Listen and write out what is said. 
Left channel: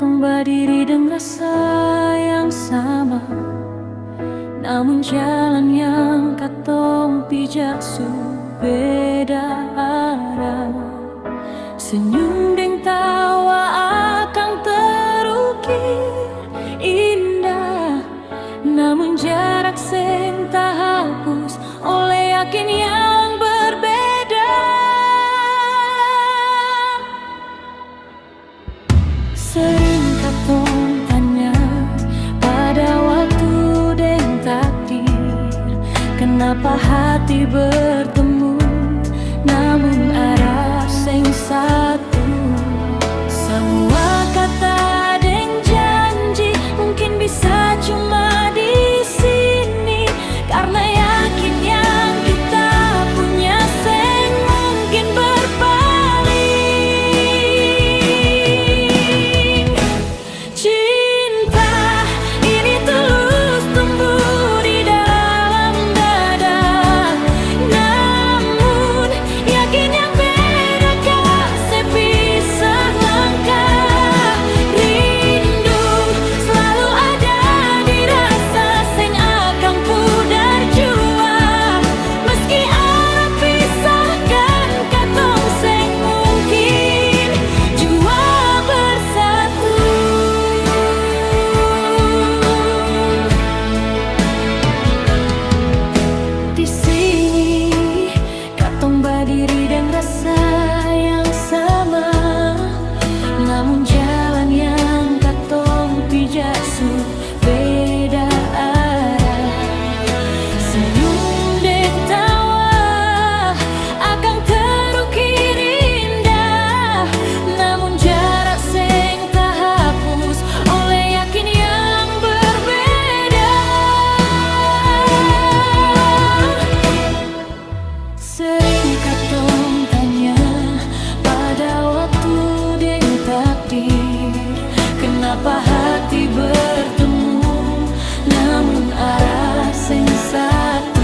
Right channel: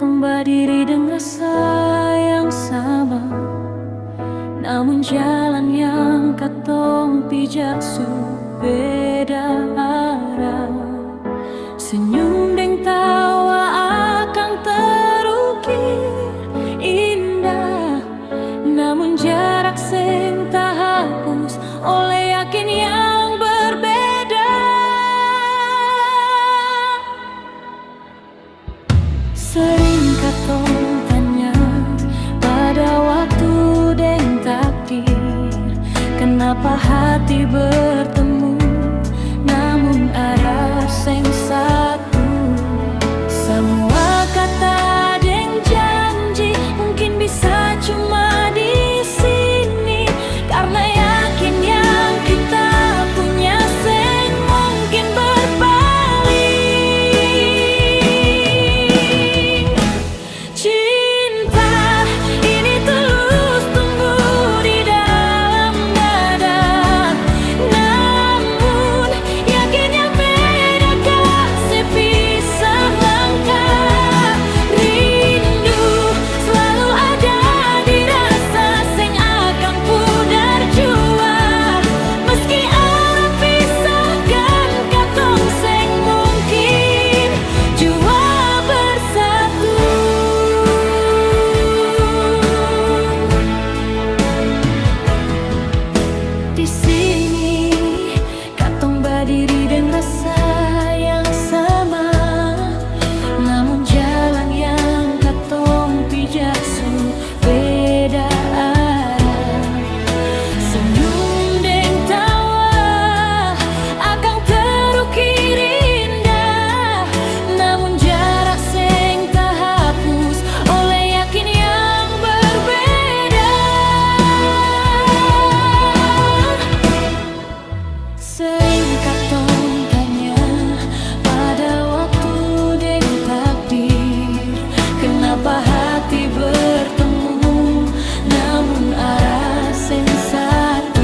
Katong berdiri dengan rasa yang sama, namun jalan yang katong pijak su beda arah. Senyum deng tawa akan terukir indah, namun jarak seng terhapus oleh yakin yang berbeda. Sering katong tanya pada waktu deng takdir, kenapa hati bertemu namun arah seng satu. Semua kata deng janji mungkin bisa cuma di sini, karena yakin yang kita punya seng mungkin berpaling. Cinta ini tulus tumbuh di dalam dada, namun yakin yang beda gak sepisah langkah. Rindu selalu ada di rasa seng akan pudar jua, meski arah pisahkan katong seng mungkin jua bersatu. Di sini katong berdiri dengan rasa yang sama, namun jalan yang katong pijak su beda arah. Senyum deng tawa akan terukir indah, namun jarak seng terhapus oleh yakin yang berbeda. Sering katong tanya pada waktu deng takdir, kenapa hati bertemu namun arah seng satu.